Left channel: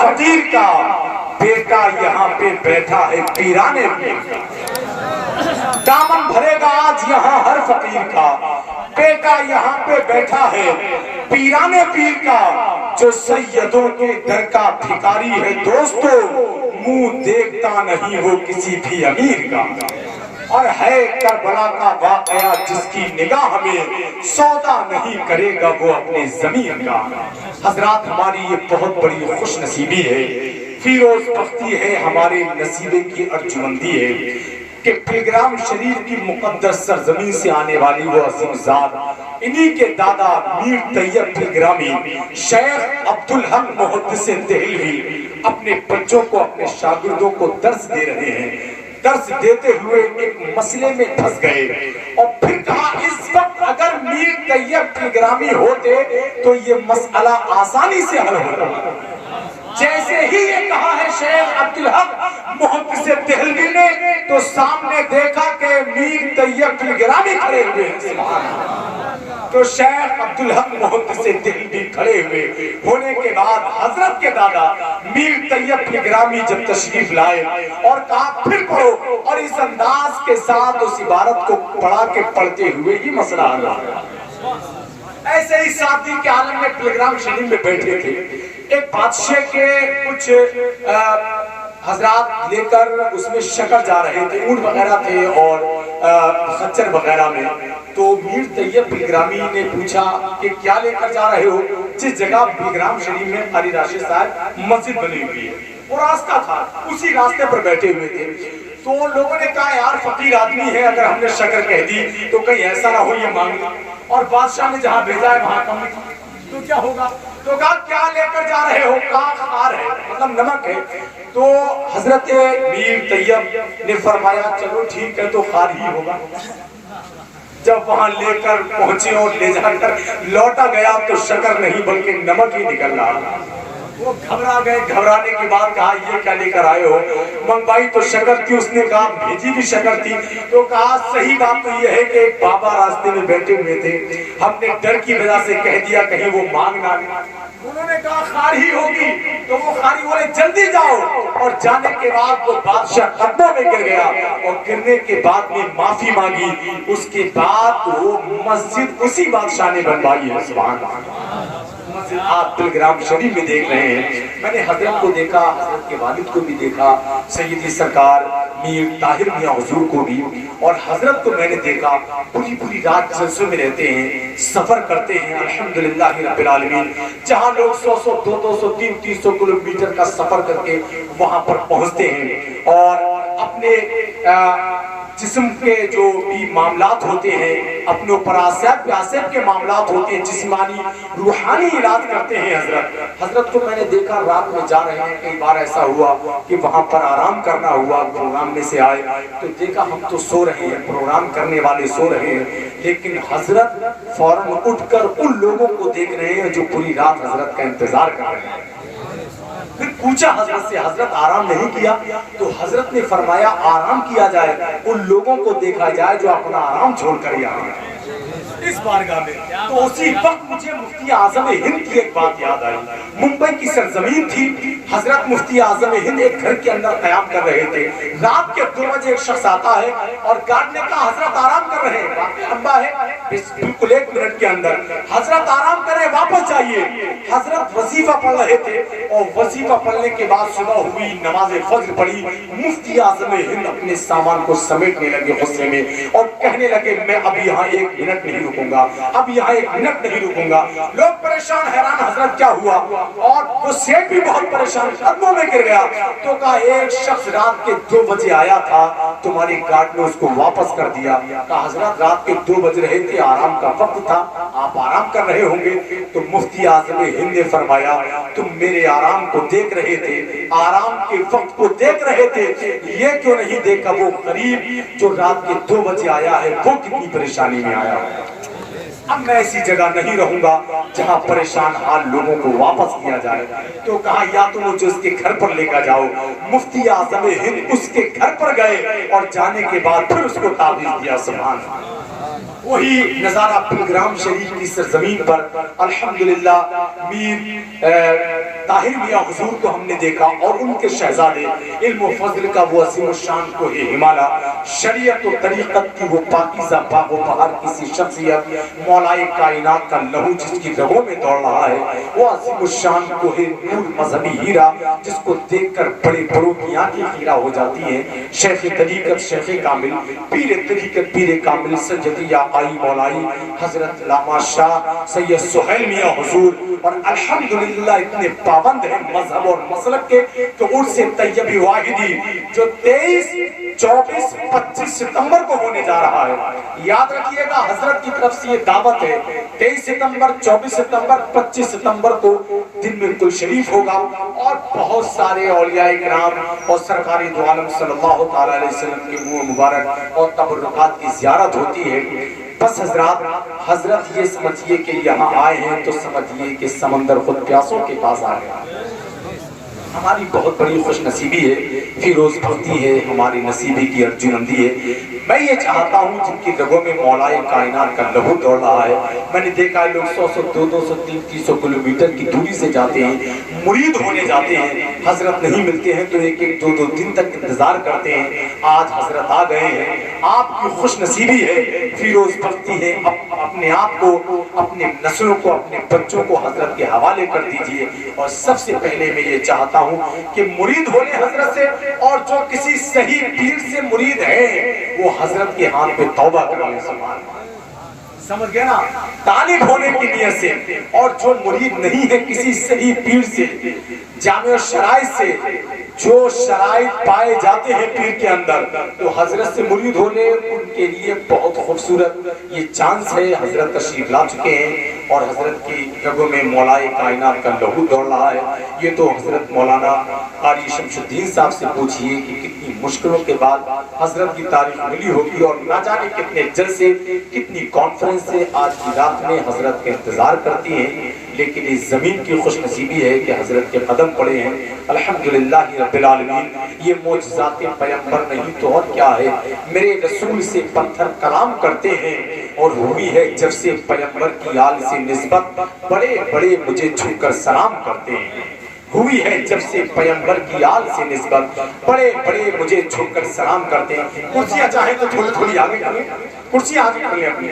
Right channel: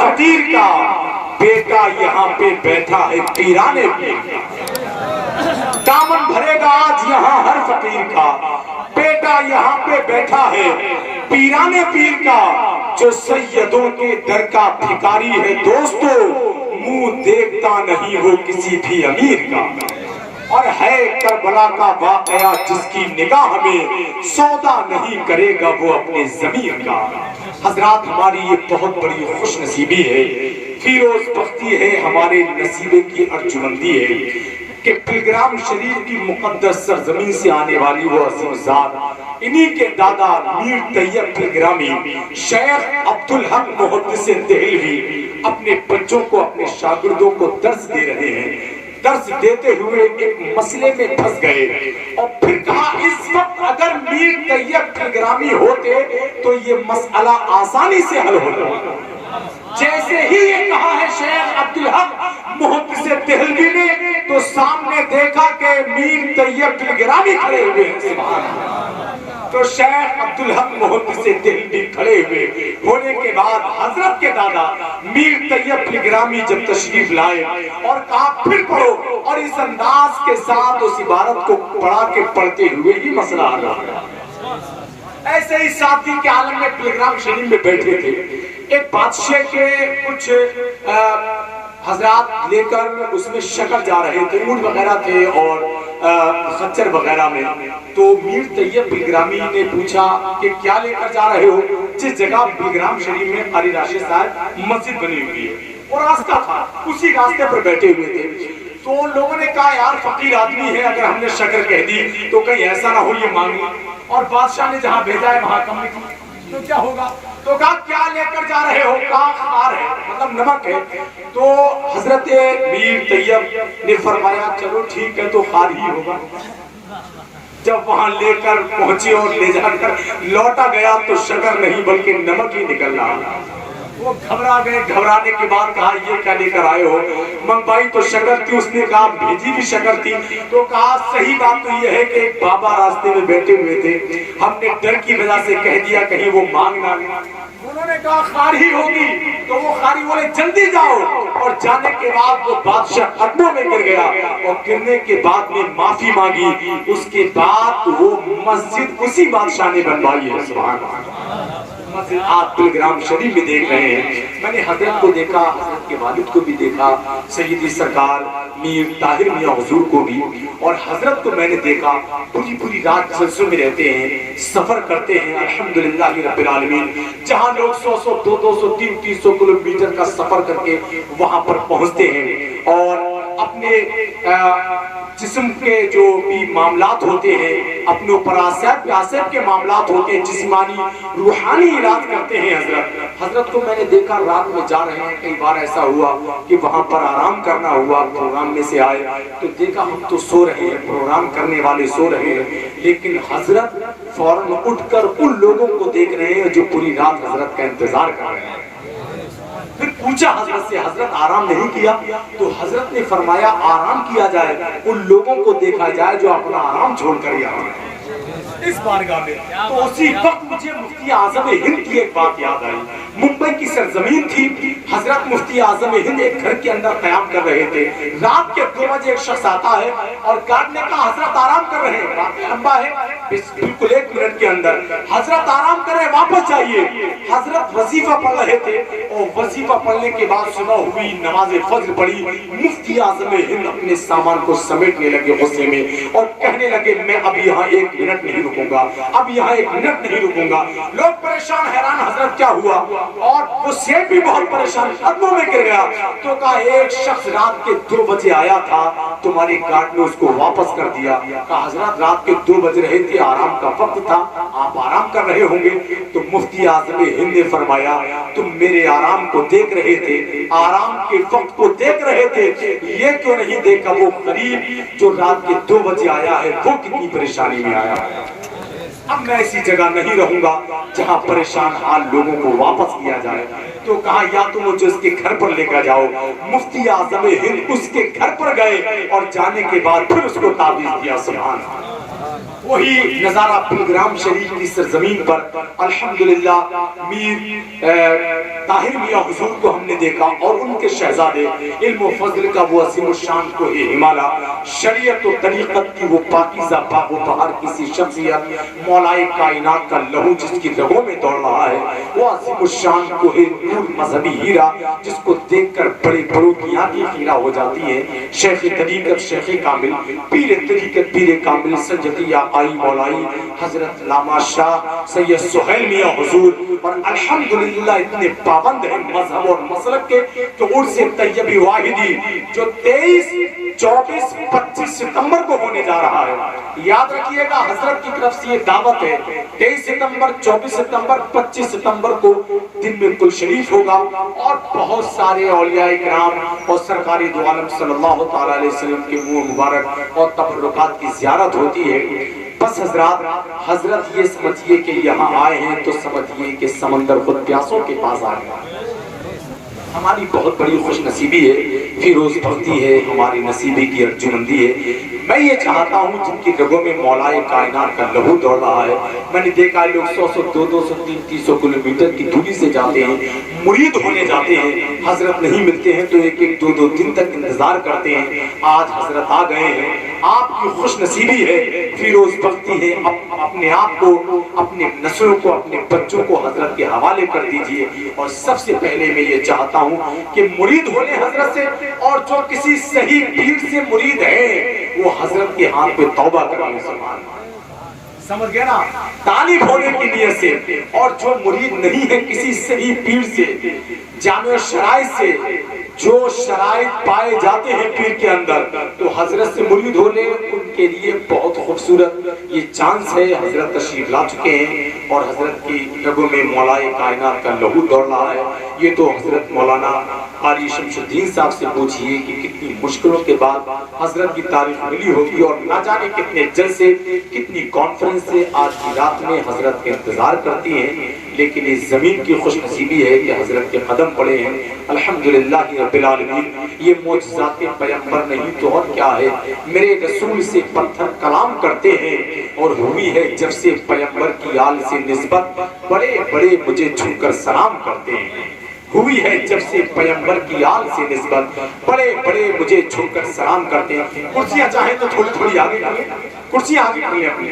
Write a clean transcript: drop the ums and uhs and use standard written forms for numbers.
فقیر کا بیٹا یہاں پہ بیٹھا ہے پیرانے پیر کا، دامن بھرے گا آج یہاں ہر فقیر کا، بیٹا یہاں پہ بیٹھا ہے پیرانے پیر کا، جو سیدوں کے در کا بھکاری ہے دوستو، منہ دیکھتا نہیں وہ کسی بھی امیر کا، اور ہے کربلا کا واقعہ جس کی نگاہ میں سودا نہیں کرے گا وہ اپنے ضمیر کا۔ حضرات ہماری یہ بہت بڑی خوش نصیبی ہے، فیروز بختی ہے، ہمارے نصیبے کی ارجمندی ہے کہ پلگرام شریف کی مقدس سرزمین سے آنے والی وہ عظیم ذات، انہی کے دادا میر طیب پلگرامی شیخ عبدالحق محدث دہلوی اپنے بچوں کو، اپنے شاگردوں کو درس دے رہے ہیں۔ درس دیتے ہوئے ایک مسئلے میں پھنس گئے اور پھر کہا اس وقت اگر میر طیب پلگرامی ہوتے تو یہ مسئلہ آسانی سے حل ہوتا۔ جیسے ہی یہ کہا ہے شیخ عبدالحق محدث دہلوی نے تو سامنے دیکھا کہ میر طیب پلگرامی کھڑے ہوئے ہیں، سبحان اللہ۔ تو شیخ عبدالحق محدث دہلوی کھڑے ہوئے ہونے کے بعد حضرت کے دادا میر طیب پلگرامی جب تشریف لائے اور کہا پھر پڑھو، اور اس انداز کے ساتھ اس عبارت کو پڑھا کے پڑھتے ہوئے ہی مسئلہ حل ہوا۔ ایسے ہی ساتھی کے عالم میں پلگرام شریف میں بیٹھے تھے، ایک بادشاہ کے کچھ حضرات لے کر اس میں شکر جا رہے تھے، اونٹ وغیرہ تھے اور خچر وغیرہ میں۔ تو میر طیب پلگرامی نے پوچھا کہ کیا لے کر جا رہے ہو؟ جس جگہ پلگرام شریف میں قاری راشد صاحب مسجد بنی ہوئی ہے، اور راستہ تھا، اسی راستے پر بیٹھے ہوئے تھے۔ تو لوگوں نے کہا یار فقیر آدمی ہے، اگر ہم نے شکر کہہ دی تو کہیں ایسا نہ ہو یہ مانگ، اور بادشاہ نے جہاں بھیجا ہے وہاں کم لکھی تو کیا ہوگا؟ تو کہا کیا لے کر جا رہے ہو؟ کہا خار ہے، مطلب نمک ہے۔ تو حضرت میر طیب نے فرمایا چلو ٹھیک ہے تو خار ہی ہوگا۔ جب وہاں لے کر پہنچے اور لے جا کر لوٹا گیا تو شکر نہیں بلکہ نمک ہی نکل رہا۔ وہ گھبرا گئے، گھبرانے کے بعد کہا یہ کیا لے کر آئے ہو؟ منگوائی تو شکر تھی، اس نے کہا بھیجی بھی شکر تھی۔ تو کہا صحیح بات تو یہ ہے کہ ایک بابا راستے میں بیٹھے ہوئے تھے، ہم نے ڈر کی وجہ سے کہہ دیا کہیں وہ مانگ نہ لیں۔ انہوں نے کہا خار ہی ہوگی، تو وہ خاری بولے جلدی جاؤ، اور جانے کے بعد وہ بادشاہ قدموں میں گر گیا، اور گرنے کے بعد میں معافی مانگی۔ اس کے بعد وہ مسجد اسی بادشاہ نے بنوائی ہے، سبحان اللہ۔ مسجد آپ پلگرام شریف میں دیکھ رہے ہیں، میں نے حضرت کو دیکھا، حضرت کے والد کو بھی دیکھا، سیدی سرکار میر طاہر میاں حضور کو بھی، اور حضرت کو میں نے دیکھا پوری رات جلسوں میں رہتے ہیں، سفر کرتے ہیں الحمدللہ رب العالمین، جہاں لوگ 100 200 300 کلومیٹر کا سفر کر کے وہاں پر پہنچتے ہیں، اور اپنے جسم کے جو بھی معاملات ہوتے ہیں، اپنے اوپر آسیب کے معاملات ہوتے ہیں، جسمانی روحانی علاج کرتے ہیں۔ حضرت کو میں نے دیکھا رات میں جا رہے ہیں، کئی بار ایسا ہوا کہ وہاں پر آرام کرنا ہوا، پروگرام میں سے آئے تو دیکھا ہم تو سو رہے ہیں، پروگرام کرنے والے سو رہے ہیں، لیکن حضرت فوراً اٹھ کر ان لوگوں کو دیکھ رہے ہیں جو پوری رات حضرت کا انتظار کر رہے ہیں۔ پھر پوچھا حضرت سے حضرت آرام نہیں کیا؟ تو حضرت نے فرمایا آرام کیا جائے، ان لوگوں کو دیکھا جائے جو اپنا آرام چھوڑ کر یہاں آئے اس بارگاہ میں۔ تو اسی وقت مجھے مفتی اعظم ہند کی ایک بات یاد آئی، ممبئی کی سرزمین تھی، حضرت مفتی اعظم ہند ایک گھر کے اندر قیام کر رہے تھے، رات کے 2 بجے ایک شخص آتا ہے اور گارڈ نے کہا حضرت آرام کر رہے ہیں، واقعی لمبا ہے، بالکل 1 منٹ کے اندر حضرت آرام کریں واپس جائیے۔ حضرت وظیفہ پڑھ رہے تھے، اور وظیفہ پڑھنے کے بعد صبح ہوئی، نماز فجر پڑھی، مفتی اعظم ہند اپنے سامان کو سمیٹنے لگے غصے میں اور کہنے لگے میں اب یہاں 1 منٹ نہیں رکوں گا، اب یہاں 1 منٹ نہیں رکوں گا۔ لوگ پریشان حیران حضرت کیا ہوا، اور وہ سیٹ بھی بہت پریشان، قدموں میں گر گیا۔ تو کہا ایک شخص رات کے 2 بجے آیا تھا، تمہاری گارڈ نے اس کو واپس کر دیا۔ کہا حضرت رات کے 2 بج رہے تھے، آرام کا وقت تھا، آپ آرام کر رہے ہوں گے۔ تو مفتی اعظم ہند نے فرمایا تم میرے آرام کو دیکھ رہے تھے، آرام کے وقت کو دیکھ رہے تھے، یہ کیوں نہیں دیکھا وہ غریب جو رات کے 2 بجے آیا ہے وہ کتنی پریشانی میں آیا ہے۔ اب میں ایسی جگہ نہیں رہوں گا جہاں پریشان حال لوگوں کو واپس کیا جائے۔ تو کہا یا تو مجھے اس کے گھر پر لے کر جاؤ۔ مفتی اعظم ہند اس کے گھر پر گئے اور جانے کے بعد پھر اس کو تعویذ دیا، سبحان اللہ۔ وہی نظارہ پلگرام شریف کی سرزمین پر الحمدللہ میر طاہر میاں حضور کو ہم نے دیکھا اور ان کے شہزادے علم و فضل کا وہ عظیم الشان کو ہمالا، شریعت و طریقت کی وہ پاکیزہ باغ و بہار کسی شخصیت، مولائے کائنات کا لہو جس کی رگوں میں دوڑ رہا ہے، وہ عظیم الشان کو نور مذہبی ہیرا جس کو دیکھ کر بڑے بڑوں کی آنکھیں خیرہ ہو جاتی ہیں، شیخ طریقت شیخ کامل، پیر طریقت پیر کامل، سجدیہ آئی مولائی حضرت علامہ شاہ سید سہیل میاں حضور، اور الحمدللہ اتنے پابند ہیں مذہب اور مسلک کے کہ عرس طیب واحدی جو 23 24 25 ستمبر کو ہونے جا رہا ہے، یاد رکھیے گا حضرت کی طرف سے یہ دعوت ہے، 23 ستمبر 24 ستمبر 25 ستمبر کو دن میں کل شریف ہوگا اور بہت سارے اولیاء کرام اور سرکار دو عالم صلی اللہ تعالی علیہ وسلم کے منہ مبارک اور تبرکات کی زیارت ہوتی ہے۔ بس حضرت یہ سمجھئے کہ یہاں آئے ہیں تو سمجھئے کہ سمندر خود پیاسوں کے پاس آ گیا۔ ہماری بہت بڑی خوش نصیبی ہے، فیروز بختی ہے، ہماری نصیبی کی ارجمندی ہے۔ میں یہ چاہتا ہوں جن کی رگوں میں مولائے کائنات کا لہو دوڑ رہا ہے، میں نے دیکھا ہے لوگ 100 200 300 کلومیٹر کی دوری سے جاتے ہیں، مرید ہونے جاتے ہیں، حضرت نہیں ملتے ہیں تو ایک ایک 2 دن تک انتظار کرتے ہیں۔ آج حضرت آ گئے ہیں، آپ کی خوش نصیبی ہے، فیروز بختی ہے، اپنے آپ کو، اپنے نسلوں کو، اپنے بچوں کو حضرت کے حوالے کر دیجئے۔ اور سب سے پہلے میں یہ چاہتا ہوں کہ مرید ہونے حضرت سے، اور جو کسی صحیح پیر سے مرید ہے وہ حضرت کے ہاتھ پہ توبہ کریں، سمجھ گئے نا، طالب ہونے کی نیت سے، اور جو مرید نہیں ہے کسی صحیح پیر سے، جامع شرائط سے، جو شرائط پائے جاتے ہیں پیر کے اندر، تو حضرت سے مرید ہونے ان کے لیے بہت خوبصورت یہ چانس ہے۔ حضرت تشریف لا چکے ہیں اور حضرت کی رگوں میں مولائے کائنات کا لہو دوڑ رہا ہے۔ یہ تو حضرت مولانا قاری شمس الدین صاحب سے پوچھئے کہ کتنی مشکلوں کے بعد حضرت کی تاریخ ملی ہوگی، اور نہ جانے کتنے جلسے، کتنی کانفرنس سے آج کی رات میں حضرت کے انتظار کرتی ہیں، لیکن اس زمین کی خوش نصیبی ہے کہ حضرت کے قدم پڑے ہیں۔ الحمدللہ رب العالمین، یہ معجزات پیغمبر نہیں تو اور کیا ہے، میرے رسول سے پتھر کلام کرتے ہیں، اور ہوئی ہے جب سے پیغمبر کی آل سے نسبت، بڑے بڑے مجھے جھک کر سلام کرتے ہیں۔ ہوئی ہے جب سے پیغمبر کی آل سے نسبت، بڑے بڑے مجھے جھک کر سلام کرتے ہیں۔ کرسیاں چاہیں تو تھوڑی تھوڑی آگے کریں، کرسیاں آگے کر لیں اپنی۔